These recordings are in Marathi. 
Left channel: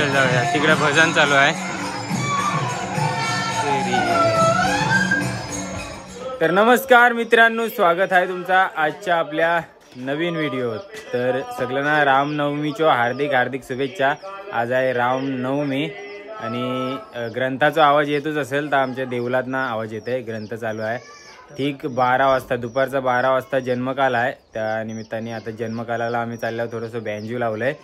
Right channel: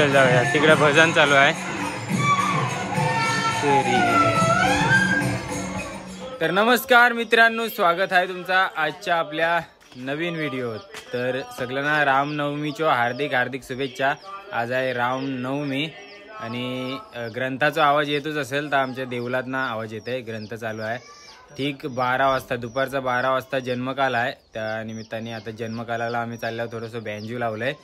चल जाऊया, तिकडे भजन चालू आहे. तर नमस्कार मित्रांनो, स्वागत आहे तुमचा आजच्या आपल्या नवीन व्हिडिओ. तर सगळ्यांना रामनवमीच्या हार्दिक हार्दिक शुभेच्छा. आज आहे रामनवमी आणि ग्रंथाचा आवाज येतच असेल तर आमच्या देवलातनं आवाज येते. ग्रंथ चालू आहे. ठीक 12 वाजता, दुपारचा 12 वाजता जन्मकाल आहे. त्या निमित्ताने आता जन्मकालाला आम्ही चालल्यावर थोडंसं बँजू लावलंय,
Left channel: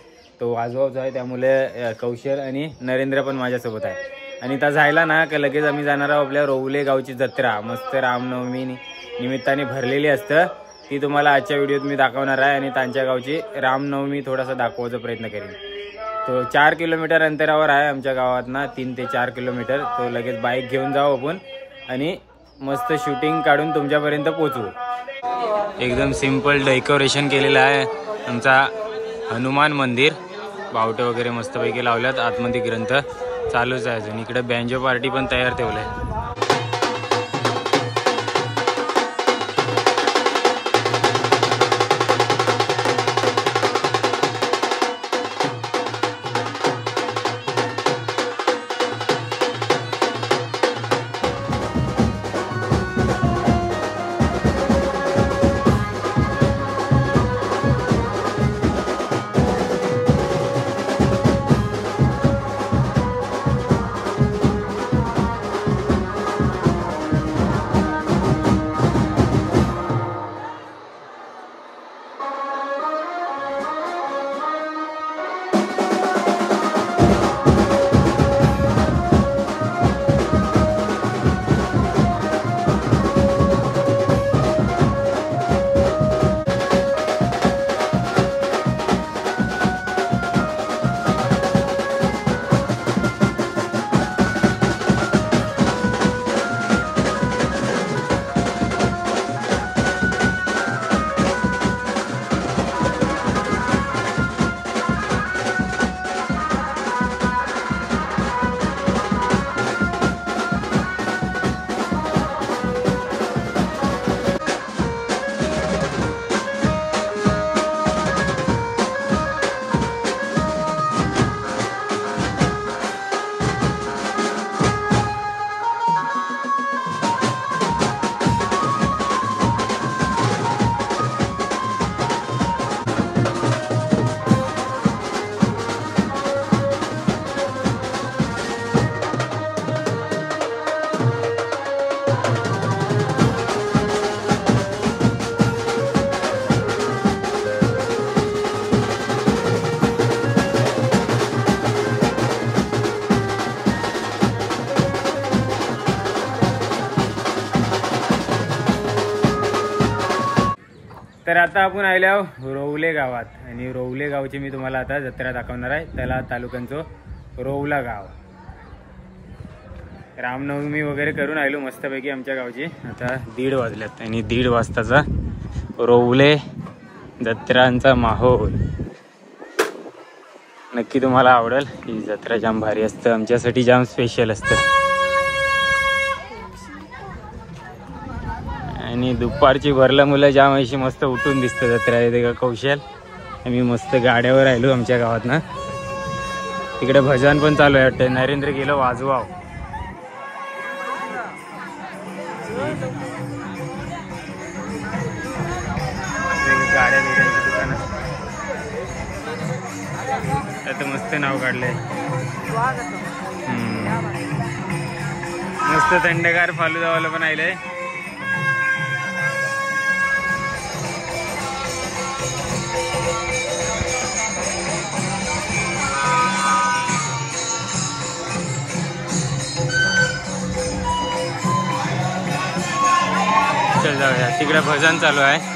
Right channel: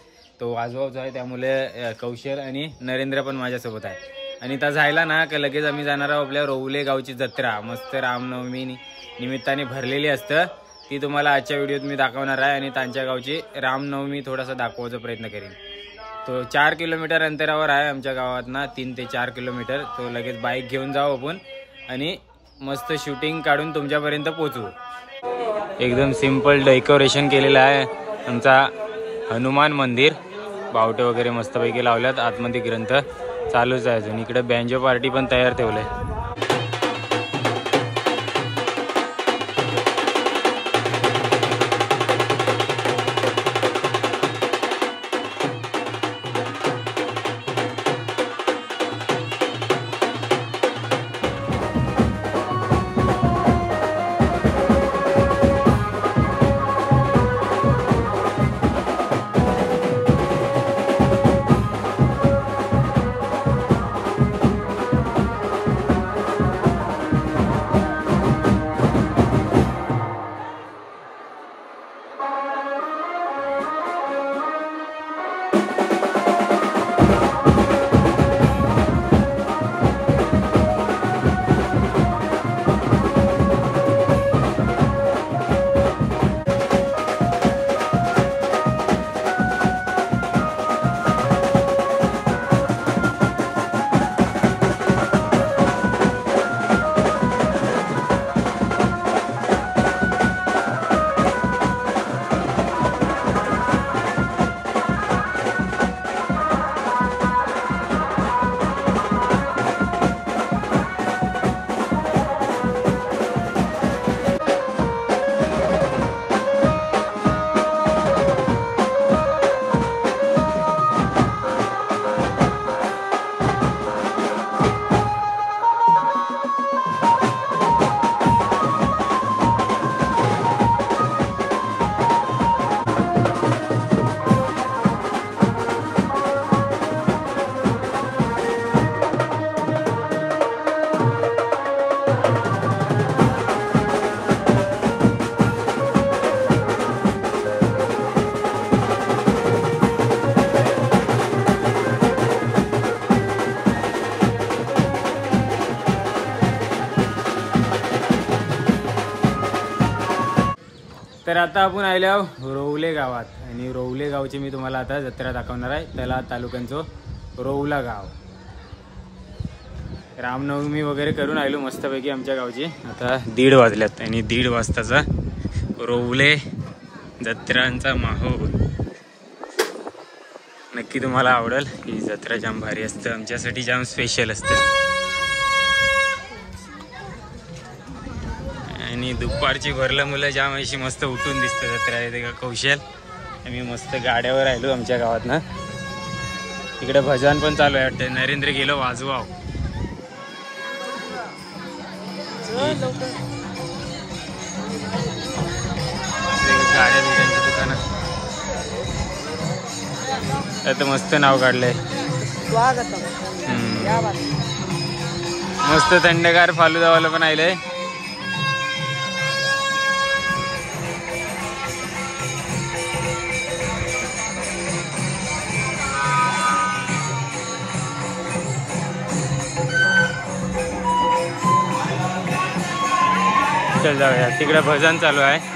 तो वाजवायचा आहे. त्यामुळे कौशल आणि नरेंद्र पण माझ्यासोबत आहे. आणि त्या जायला ना का लगेच आम्ही जाणार आहोत आपल्या रौले गावची जत्रा. मस्त रामनवमी निमित्ताने भरलेली असतं, ती तुम्हाला आजच्या व्हिडिओत मी दाखवणार आहे. आणि त्यांच्या गावची रामनवमी थोडासा दाखवायचा प्रयत्न करेन. तो 4 किलोमीटर अंतरावर आहे आमच्या गावातना, 3 ते 4 किलोमीटर. तो लगेच बाईक घेऊन जाऊ आपण आणि मस्त शूटिंग काढून तुमच्यापर्यंत पोहोचवू. एकदम सिंपल डेकोरेशन केलेलं आहे आमचा हनुमान मंदिर. बावटे वगैरे मस्तपैकी लावल्यात. आतमध्ये ग्रंथ चालूच आहे अजून. इकडे बँजो पार्टी पण तयार ठेवलंय. तर आता आपण आले आहोत रौले गावात. आणि रौले गावची मी तुम्हाला आता जत्रा दाखवणार आहे. त्याला तालुक्यांचं रौला गाव. रामनवमी वगैरे करून आलो मस्तपैकी आमच्या गावची. आता 1:30 वाजल्यात आणि 1:30 वाजताचा रौले जत्रांचा माहोल नक्की तुम्हाला आवडेल. ही जत्रा जाम भारी असतं, आमच्यासाठी जाम स्पेशल असतं. आणि दुपारची भरला मुलं जाम अशी मस्त उठून दिसतं जत्रा. येते का कौशल. आम्ही मस्त गाड्यावर राहिलो आमच्या गावात ना. तिकडे भजन पण चालू आहे वाटतं. नरेंद्र गेलो वाजवाव. गाड्या बिड्यांची दुकानं आता मस्त नाव काढलंय. मस्त थंडगार फालुदावाला पण आलंय. चल जाऊया, तिकडे भजन चालू आहे.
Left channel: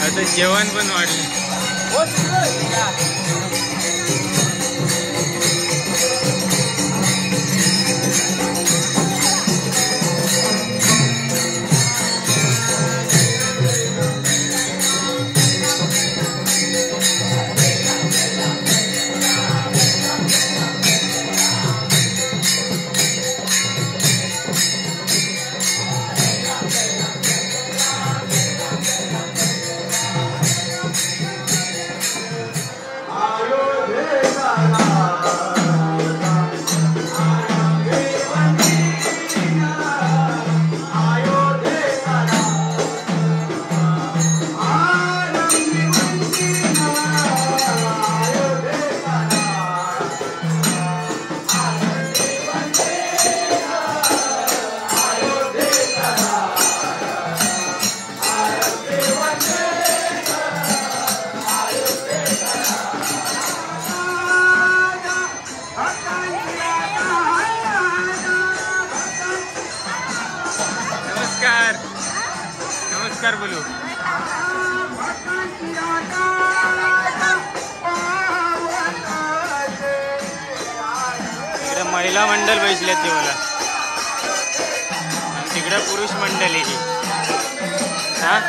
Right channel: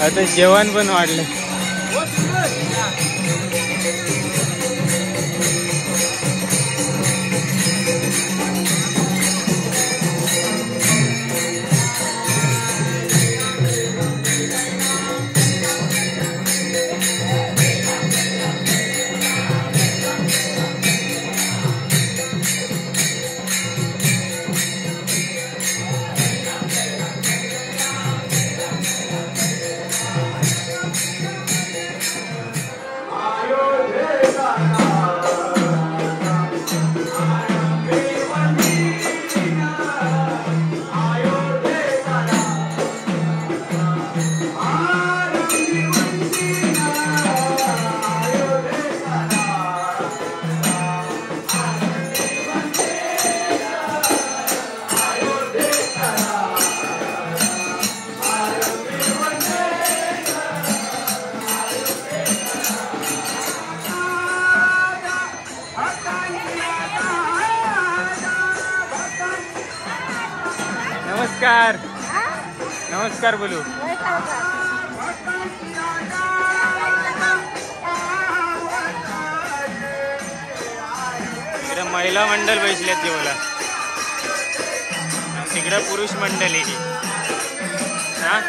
आता जेवण पण वाढले. नमस्कार नमस्कार बोलू. इकडे महिला मंडळ बसल्यात जेवायला, तिकडे पुरुष मंडळ आहे. हा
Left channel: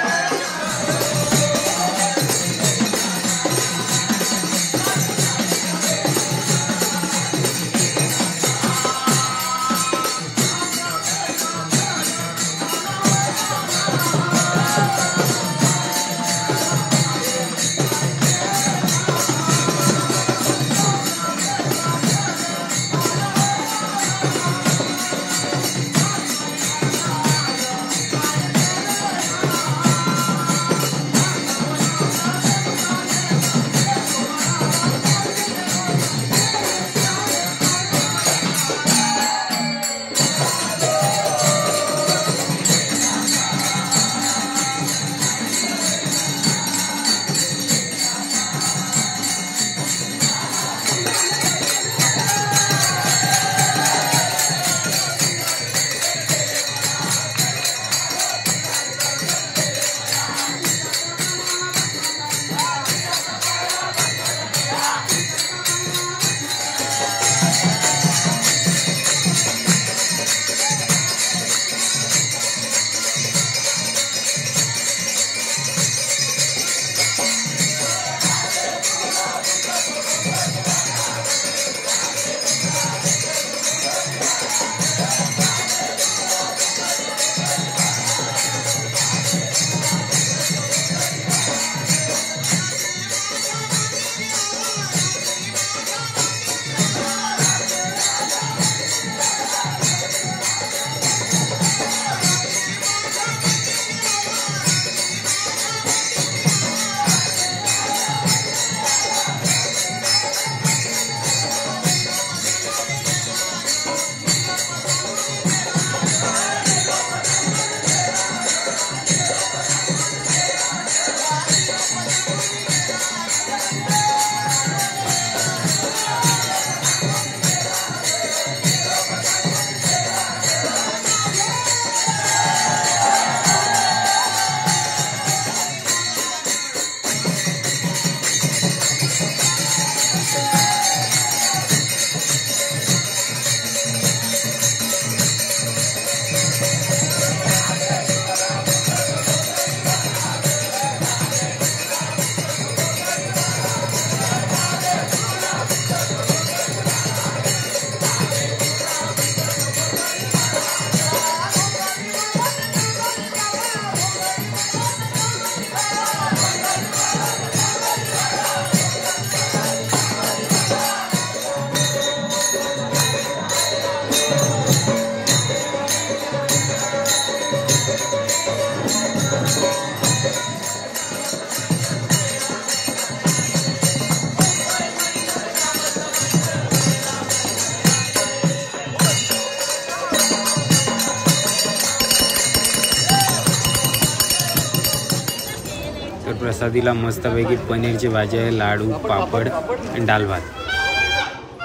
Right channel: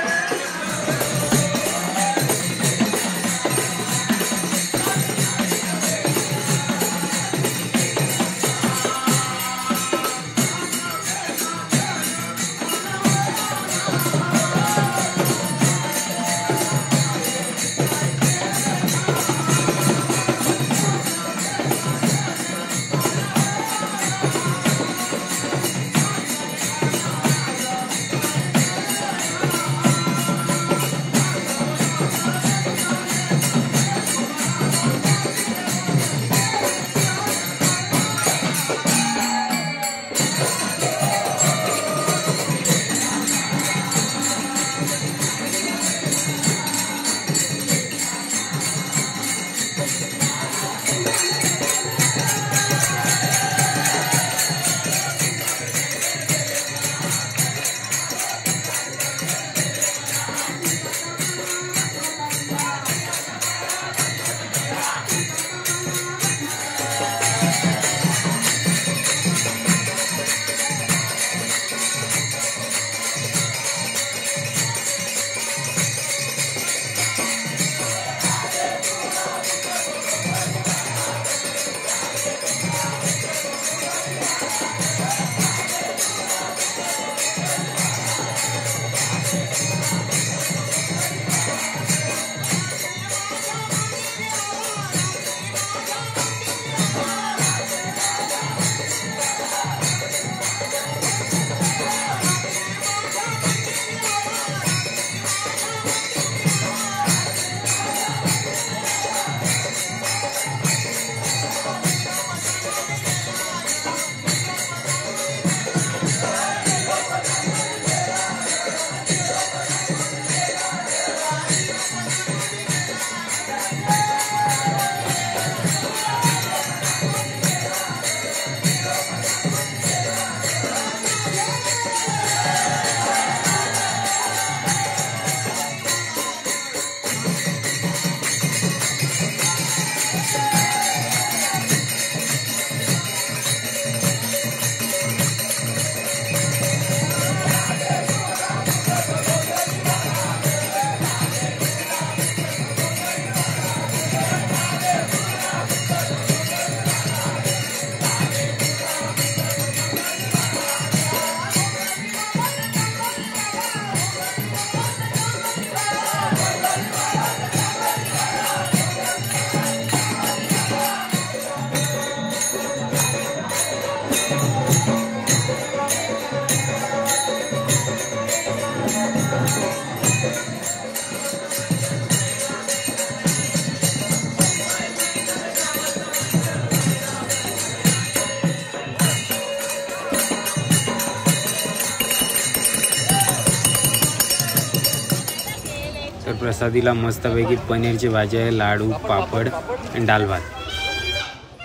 तर प्रसादीला मस्तपैकी पनीरची भाजी आहे, लाडू, पापड आणि डाल भात.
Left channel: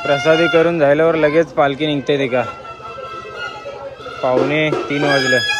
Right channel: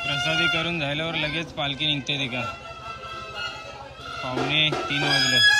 प्रसादी करून झाल्यावर लगेच पालखी निघते ते का 2:45 वाजलं.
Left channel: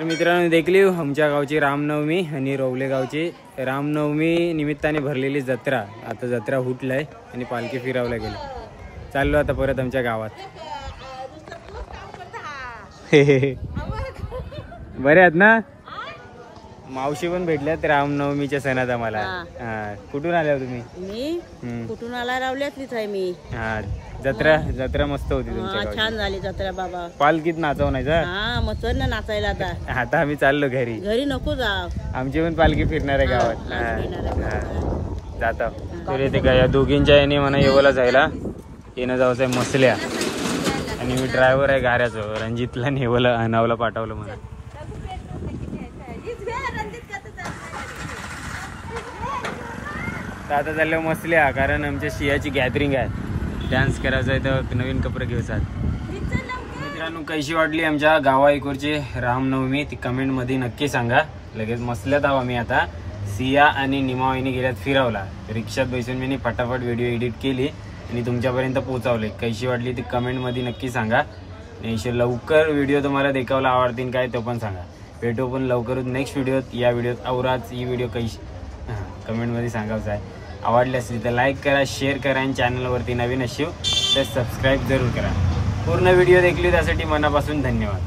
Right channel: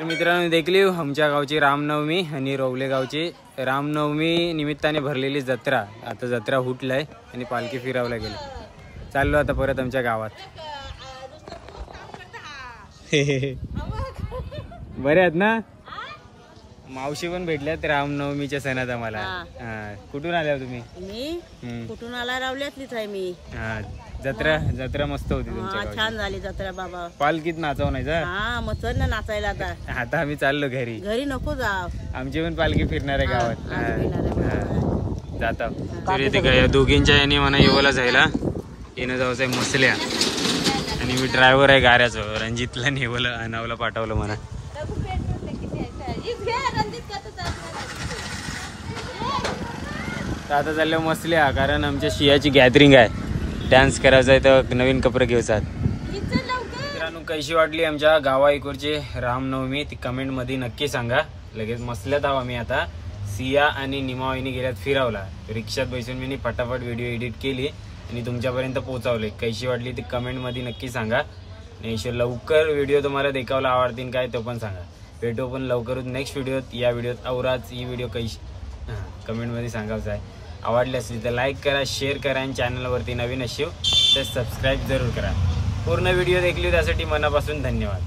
तर मित्रांनो देखली आमच्या गावची रामनवमी आणि रवले गावची रामनवमी निमित्ताने भरलेली जत्रा. आता जत्रा हुटलाय आणि पालखी फिरवल्या गेली. चाललो आता परत आमच्या गावात. बरे आहेत ना? मावशी पण भेटल्यात रामनवमीच्या सणात आम्हाला. कुठून आल्या तुम्ही? मी कुठून आला रावल्यातलीच आहे मी. हा जत्रा मस्त होती तुमच्या गावात. छान झाली जत्रा बाबा. पालखीत नाचवण्याचा. हा मग चल ना नाचायला आता. आता आम्ही चाललो घरी. घरी नको जाव. आमची पण पालखी फिरणार आहे गावात. जाता तर येते का या दोघींच्या याने म्हणा येवला जायला. येणं जायचं आहे मसल्या आणि मी ड्रायव्हर आहे गाड्याचं. रणजितला नेवला नावला पाठवलं म्हणा. तर आता चाललं मसल्या कारण आमच्या शियाची गॅदरिंग आहे. डान्स करायचा आहे तर नवीन कपडे घ्यायचात. मित्रांनो कशी वाटली आमच्या गावा इकडची रामनवमी ती कमेंट मध्ये नक्की सांगा. लगेच मसल्यात आहो आम्ही आता. सिया आणि निमावाईनी गेल्यात फिरवला. रिक्षात बसून मी फटाफट व्हिडिओ एडिट केली आणि तुमच्यापर्यंत पोहोचवले. कशी वाटली ती कमेंट मध्ये नक्की सांगा. आणि लवकर व्हिडिओ तुम्हाला देखावला आवडतील काय तो पण सांगा. भेटू पण लवकरच नेक्स्ट व्हिडिओत. या व्हिडिओत आवराच ही व्हिडिओ कशी कमेंट मध्ये सांगायचं आहे. आवडली असली तर लाईक करा, शेअर करा आणि चॅनलवरती नवीन असेल तर सबस्क्राईब जरूर करा. पूर्ण व्हिडिओ देखली त्यासाठी मनापासून धन्यवाद.